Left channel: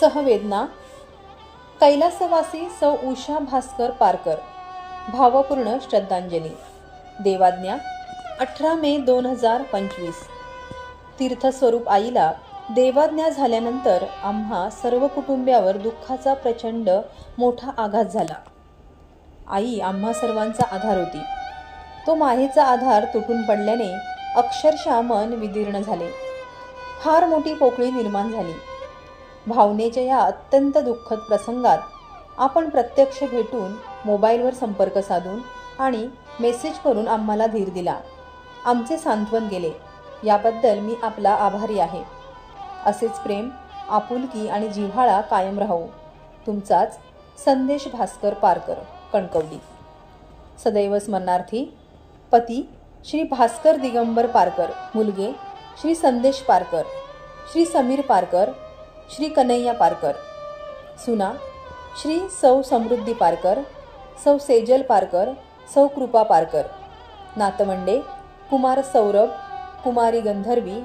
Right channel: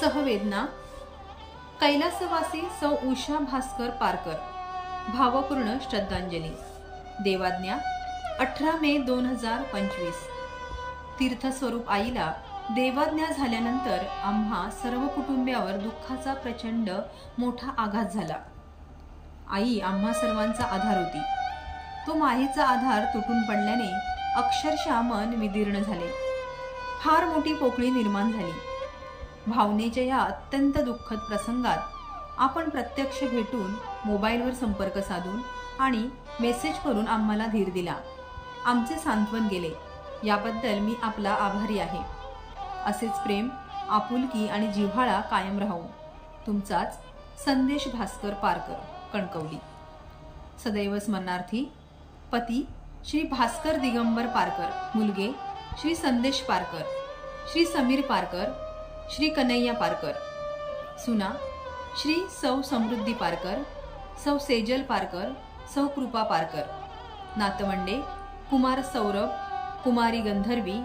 सहवेदना कैलासवासी सौ उषा भास्कर पारकर, भावपूर्ण श्रद्धांजली. देवाज्ञा 18 मे 2025. तीर्थस्वरूप आईला देवाज्ञा झाल्यानंतर आम्हा सर्व कुटुंबियावर दुःखाचा प्रचंड मोठा आघात झाला. आई आम्हा सर्वांचा आधार होती. तो मायेचा आधार तुटून पडल्याने अक्षरशः मन विदीर्ण झाले. फार मोठी पोकळी निर्माण झाली. भावनेच्या या अत्यंत दुःखद प्रसंगात आपण प्रत्यक्ष भेटून मोबाईलवर संपर्क साधून आणि मेसेज करून आम्हाला धीर दिला. आमचे सांत्वन केले. याबद्दल मी आपला आभारी आहे. असेच प्रेम, आपुलकी आणि जिव्हाळा कायम राहो. तुमचाच संदेश भास्कर पारकर, कणकवली. सदैव स्मरणार्थी पती श्री भास्कर दिगंबर पारकर, मुलगे श्री संदेश पारकर, श्री समीर पारकर, श्री कन्हैया पारकर, सुना श्री सौ समृद्धी पारकर, सौ सेजल पारकर, सौ कृपा पारकर. नातवंडे कुमार सौरभ, कुमारी गंधर्वी,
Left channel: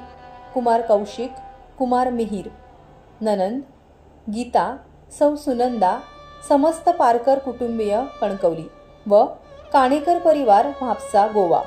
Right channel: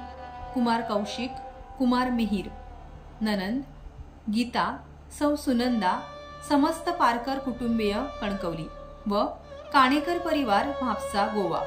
कुमार कौशिक, कुमार मिहिर. ननंद गीता, सौ सुनंदा. समस्त पारकर कुटुंबीय, कणकवली व काणेकर परिवार, म्हापसा, गोवा.